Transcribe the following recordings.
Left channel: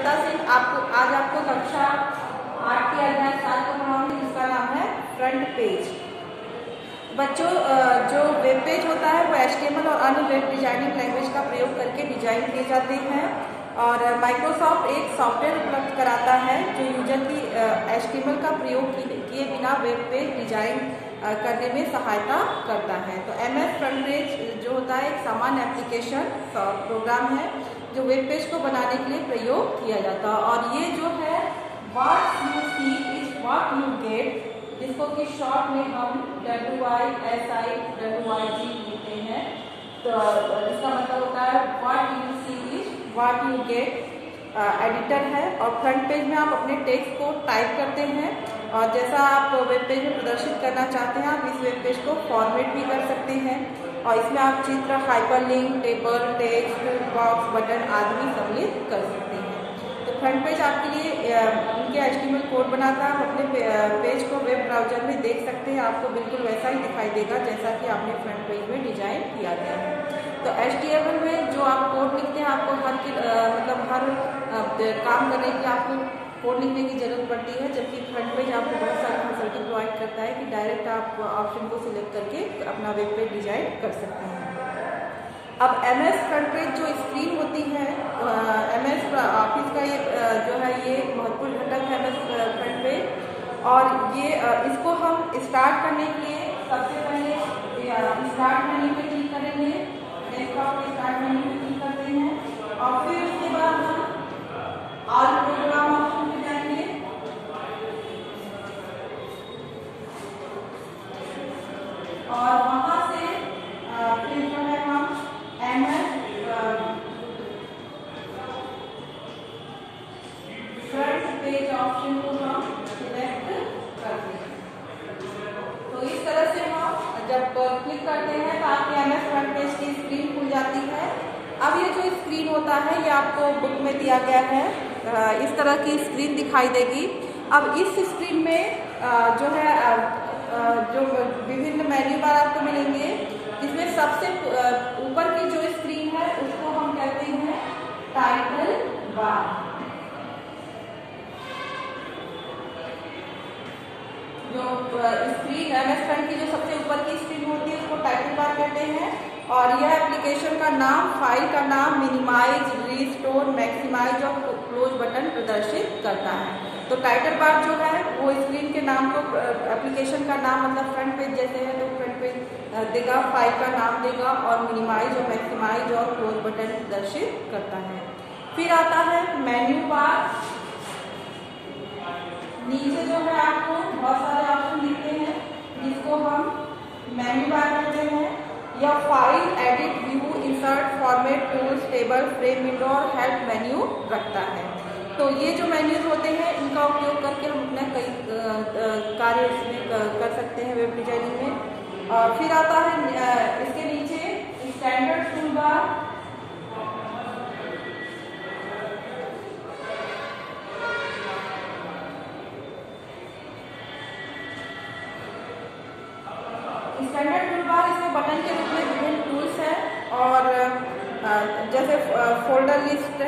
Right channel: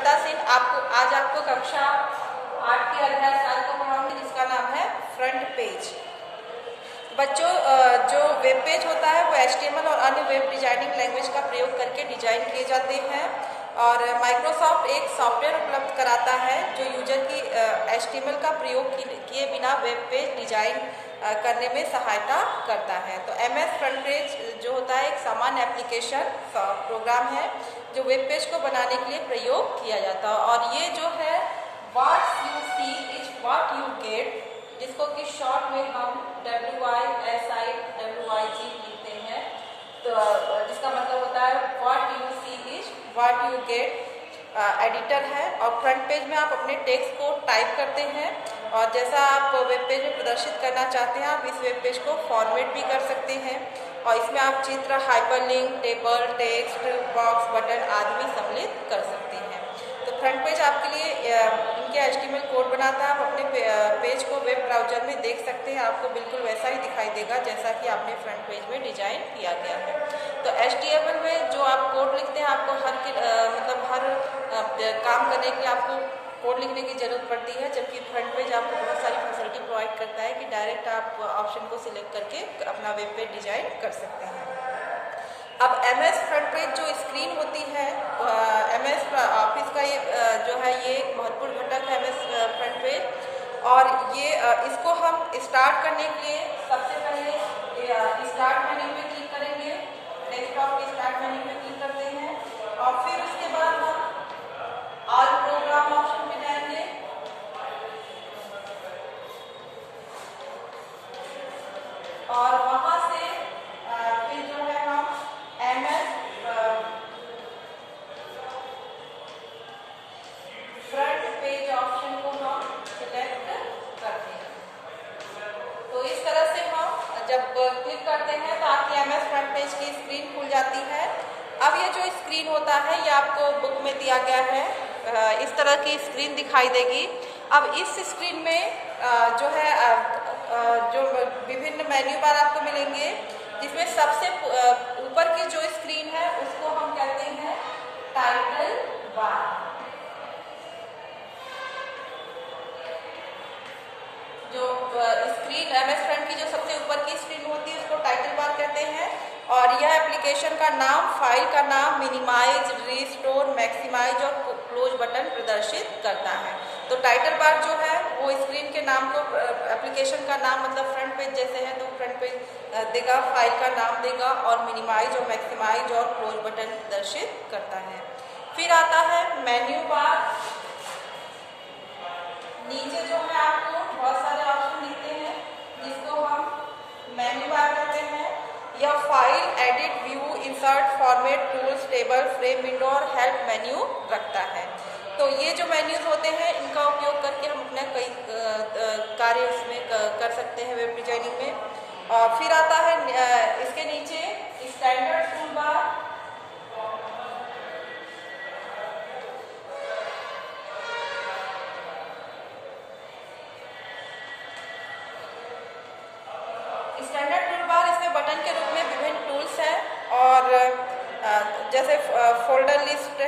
सुजाता सिंह आज आपको कक्षा 8 के अध्याय 7 को पढ़ाऊंगी, जिसका नाम है फ्रंट पेज। बच्चों, जो वेब पेज होता है वो HTML और अन्य वेब डिजाइनिंग लैंग्वेज का प्रयोग करके डिजाइन किए जाते हैं और माइक्रोसॉफ्ट एक सॉफ्टवेयर उपलब्ध कराता है जो यूजर की HTML का प्रयोग किए बिना वेब पेज डिजाइन करने में सहायता करता है। तो MS फ्रंट पेज जो होता है एक सामान्य एप्लीकेशन प्रोग्राम है जो वेब पेज को बनाने के लिए प्रयोग किया जाता है। और ये जो है what you see is what you get, जिसको कि शॉर्ट में हम WISI लिखते हैं, तो जिसका मतलब होता है what you see is what you get. Editor है और फ्रंट पेज में आप अपने टेक्स्ट को टाइप करते हैं और जैसा आप वेब पेज में प्रदर्शित करना चाहते हैं आप इस वेब पेज को फॉर्मेट भी कर सकते हैं और इसमें आप चित्र, hyperlink, table, text box, button आदि भी सम्मिलित कर सकते हैं। तो फ्रंट पेज आपके लिए उनके HTML कोड बनाता है। आप अपने पेज को वेब ब्राउजर में देख सकते हैं, आपको बिल्कुल वैसा ही दिखाई देगा जैसा कि आपने फ्रंट पेज में डिजाइन किया गया है। तो HTML में जो आप कोड लिखते हैं आपको हर काम करने के लिए आपको कोड लिखने की जरूरत पड़ती है, जबकि फ्रंट पेज आपको बहुत सारी फैसिलिटी प्रोवाइड करता है कि डायरेक्ट आप ऑप्शन को सिलेक्ट करके अपना वेब पेज डिजाइन कर सकते हैं। अब MS फ्रंट पेज जो स्क्रीन होती है, MS ऑफिस का ये जो है ये एक महत्वपूर्ण घटक है MS फ्रंट पेज। और ये इसको हम स्टार्ट करने के लिए सबसे पहले स्टार्ट मेन्यू पे क्लिक करेंगे, डेस्कटॉप के स्टार्ट मेन्यू पे क्लिक करते हैं और फिर उसके बाद हम ऑल प्रोग्राम ऑप्शन पे जाएंगे और वहां से फिर जो है हम MS फ्रंट पेज ऑप्शन को हम सिलेक्ट करते हैं। तो इस तरह से हम जब क्लिक करते हैं तो आपकी MS फ्रंट पेज की स्क्रीन खुल जाती है। अब ये जो स्क्रीन होता है ये आपको बुक में दिया गया है, इस तरह की स्क्रीन दिखाई देगी। अब इस स्क्रीन में जो है जो विभिन्न मेन्यू बार आपको मिलेंगे, जिसमें सबसे ऊपर की जो स्क्रीन है उसको हम कहते हैं टाइटल बार। जो स्क्रीन MS फ्रंट की जो सबसे ऊपर की स्क्रीन होती है उसको टाइटल बार कहते हैं और यह एप्लीकेशन का नाम, फाइल का नाम, मिनिमाइज, रिस्टोर, मैक्सिमाइज और क्लोज बटन प्रदर्शित करता है। तो टाइटल बार जो है वो स्क्रीन के नाम को, एप्लीकेशन का नाम मतलब फ्रंट पेज जैसे है तो फ्रंट पेज देगा, फाइल का नाम देगा और मिनिमाइज और मैक्सिमाइज और क्लोज बटन प्रदर्शित करता है। फिर आता है मेन्यू बार। नीचे जो है आपको बहुत सारे ऑप्शन दिखते हैं जिसको हम मेन्यू बार कहते हैं। यह file, edit, view, insert, format, tools, table, frame, window और हेल्प मेन्यू रखता है। तो ये जो मेन्यूज होते हैं इनका उपयोग करके हम अपने कई कार्य इसमें कर सकते हैं वेब डिजाइनिंग में। और फिर आता है इसके नीचे standard tool bar. Standard tool bar इसमें बटन के रूप में विभिन्न टूल्स हैं और जैसे फोल्डर लिस्ट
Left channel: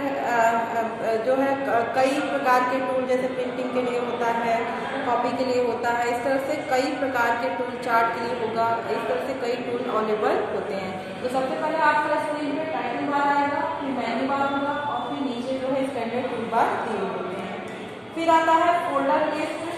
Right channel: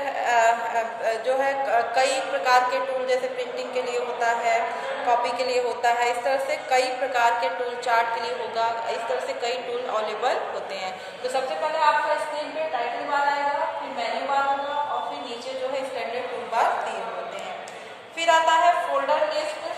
जो है कई प्रकार के टूल, जैसे प्रिंटिंग के लिए होता है, कॉपी के लिए होता है, इस तरह से कई प्रकार के टूल, चार्ट के लिए होगा, इस तरह से कई टूल अवेलेबल होते हैं। तो सबसे पहले आपका स्क्रीन पे टाइटल बार आएगा, फिर मेन्यू बार होगा और फिर नीचे जो है स्टैंडर्ड टूल बार दिए होते हैं। फिर आता है फोल्डर लिस्ट।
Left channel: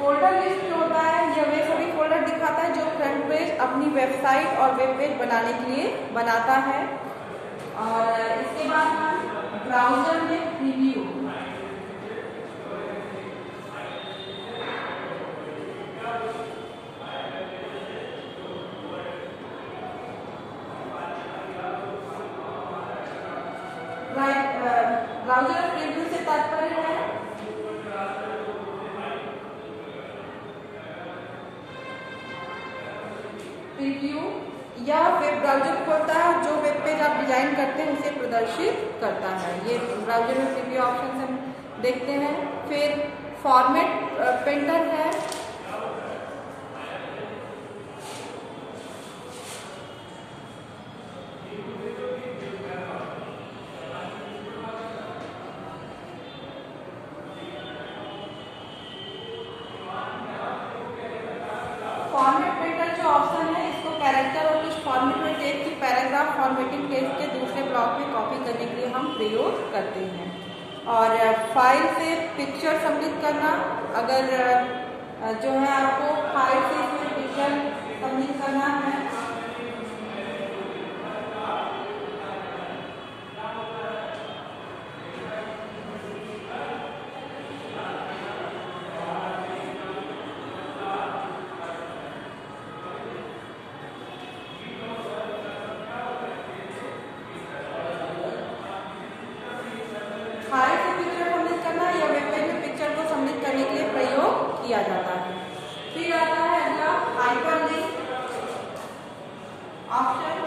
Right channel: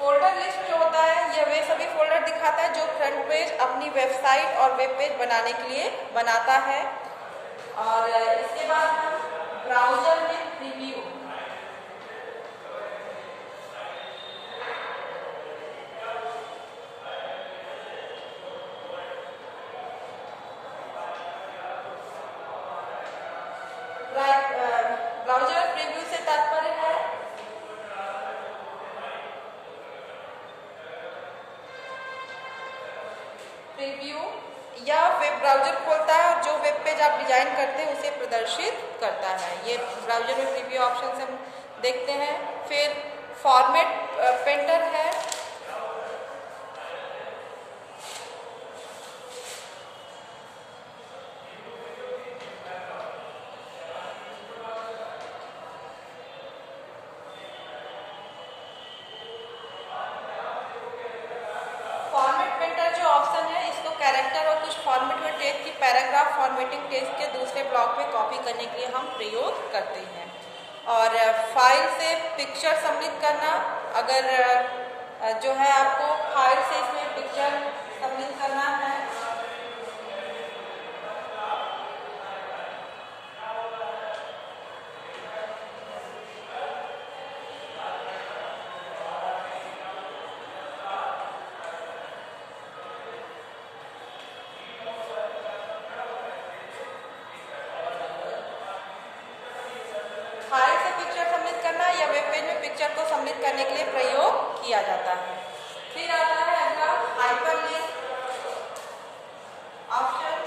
फोल्डर लिस्ट जो होता है यह वे सभी फोल्डर दिखाता है जो फ्रंट पेज अपनी वेबसाइट और वेब पेज बनाने के लिए बनाता है। और इसके बाद हम ब्राउजर में प्रीव्यू, ब्राउजर प्रीव्यू से तात्पर्य है प्रीव्यू। यह वेब ब्राउजर खोलता है और जो वेब पेज आप डिजाइन करते हैं उसे प्रदर्शित करता है। ये ब्राउजर में प्रीव्यू ऑप्शन हम देखते हैं। फिर फॉर्मेट पेंटर है ऑप्शन है इसको कैरेक्टर और कुछ फॉर्मेट में टेक्स्ट की पैराग्राफ फॉर्मेटिंग टेक्स्ट के दूसरे ब्लॉक में कॉपी करने के लिए हम प्रयोग करते हैं। और फाइल से पिक्चर सम्मिलित करना, अगर जो है आपको फाइल से इसमें पिक्चर सम्मिलित करना है फाइल से पिक्चर सम्मिलित करना या वेब पेज में पिक्चर को सम्मिलित करने के लिए प्रयोग किया जाता है। फिर आता है अगला हाइपरलिंक ऑप्शन।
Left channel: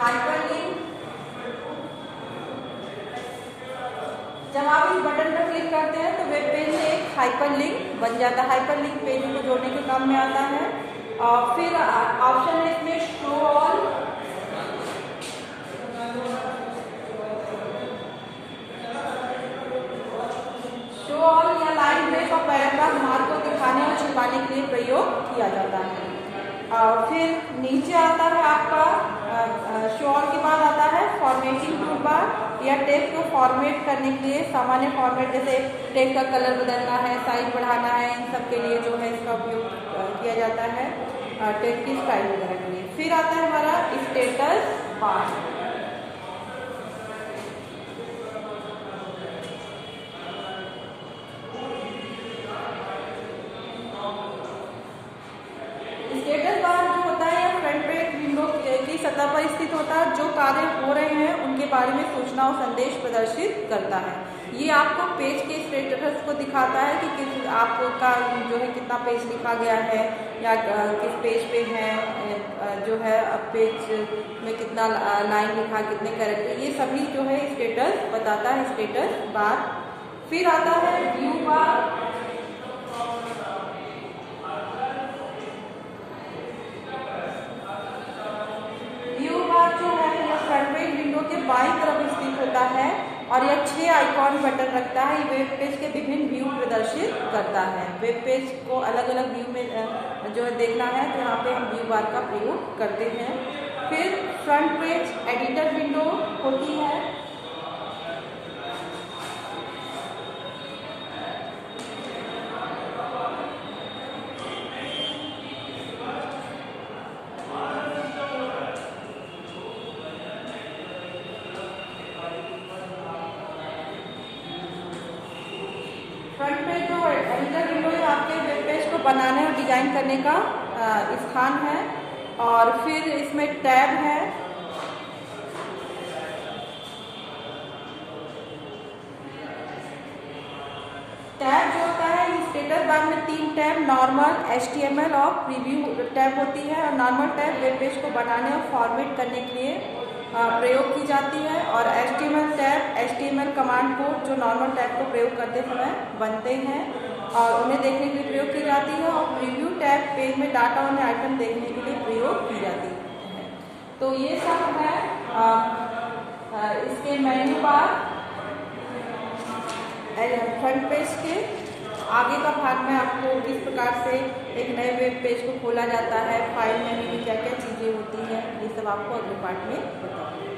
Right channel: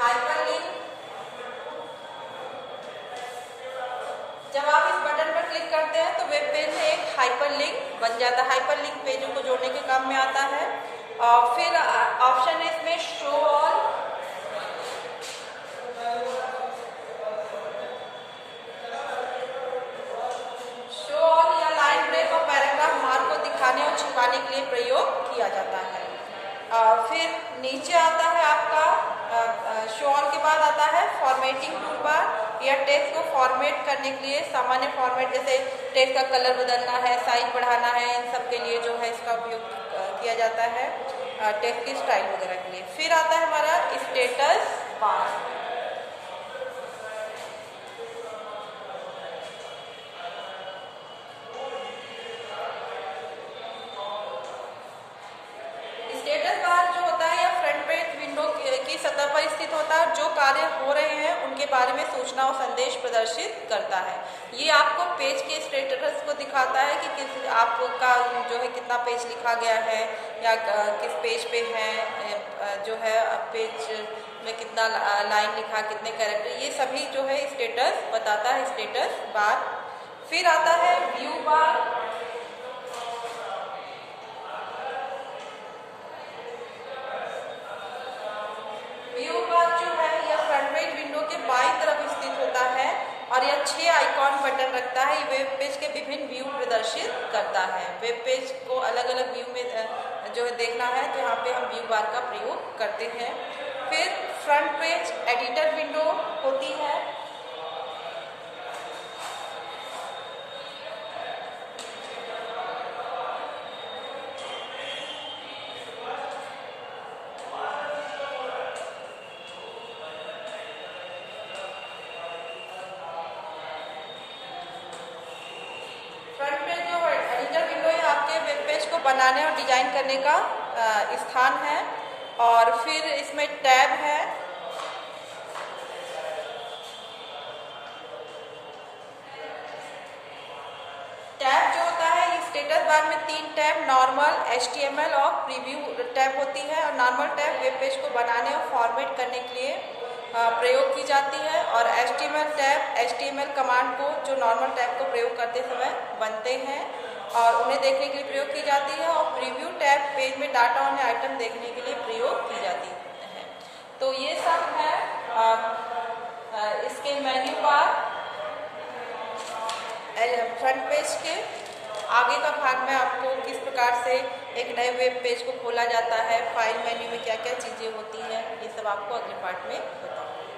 हाइपरलिंक, जब आप इस बटन पर क्लिक करते हैं तो वेब पेज में एक हाइपरलिंक बन जाता है। हाइपरलिंक पेजों को जोड़ने के काम में आता है। और फिर ऑप्शन है इसमें शो ऑल। शो ऑल या लाइन ब्रेक और पैराग्राफ मार्क को दिखाने और छिपाने के लिए प्रयोग किया जाता है। फिर नीचे आता है आपका शो ऑल के बाद आता है फॉर्मेटिंग टूल बार या टेक्स्ट को फॉर्मेट करने के लिए सामान्य फॉर्मेट, जैसे टेक्स्ट का कलर बदलना है, साइज बढ़ाना है, इन सब के लिए जो है इसका उपयोग किया जाता है टेक्स्ट की स्टाइल वगैरह के लिए। फिर आता है हमारा स्टेटस बार। स्टेटस बार जो होता है यह फ्रंट पेज विंडो की सतह पर स्थित होता है। जो कार्य हो रहे हैं उनके बारे में सूचना और संदेश प्रदर्शित करता है। ये आपको पेज के स्टेटस को दिखाता है कि किस आपका जो है कितना पेज लिखा गया है या किस पेज पे है, जो है पेज में कितना लाइन लिखा, कितने कैरेक्टर, ये सभी जो है स्टेटस बताता है स्टेटस बार। फिर आता है व्यू बार। व्यू बार जो है यह फ्रंट पेज विंडो के बाईं तरफ स्थित होता है और यह 6 आइकॉन बटन रखता है। ये वेब पेज के विभिन्न व्यू प्रदर्शित करता है। वेब पेज को अलग अलग व्यू में जो है देखना है तो यहाँ पे हम व्यू बार का प्रयोग करते हैं। फिर फ्रंट पेज एडिटर विंडो होती है। फ्रंट पेज जो एडिटर विंडो है आपके वेब पेज को बनाने और डिजाइन करने का स्थान है। और फिर इसमें टैब है। टैब जो होता है ये स्टेटस बार में 3 टैब नॉर्मल, HTML और प्रीव्यू टैब होती है। और नॉर्मल टैब वेब पेज को बनाने और फॉर्मेट करने के लिए प्रयोग की जाती है। और HTML टैब HTML कमांड को जो नॉर्मल टैब को प्रयोग करते समय बनते हैं और उन्हें देखने के लिए प्रयोग की जाती है। और प्रीव्यू टैब पेज में डाटा और आइटम देखने के लिए प्रयोग की जाती है। तो ये सब है इसके मेन्यू बार। फ्रंट पेज के आगे का भाग में आपको किस प्रकार से एक नए वेब पेज को खोला जाता है, फाइल मेन्यू में क्या क्या चीज़ें होती हैं, ये सब आपको अगले पार्ट में बताऊंगी।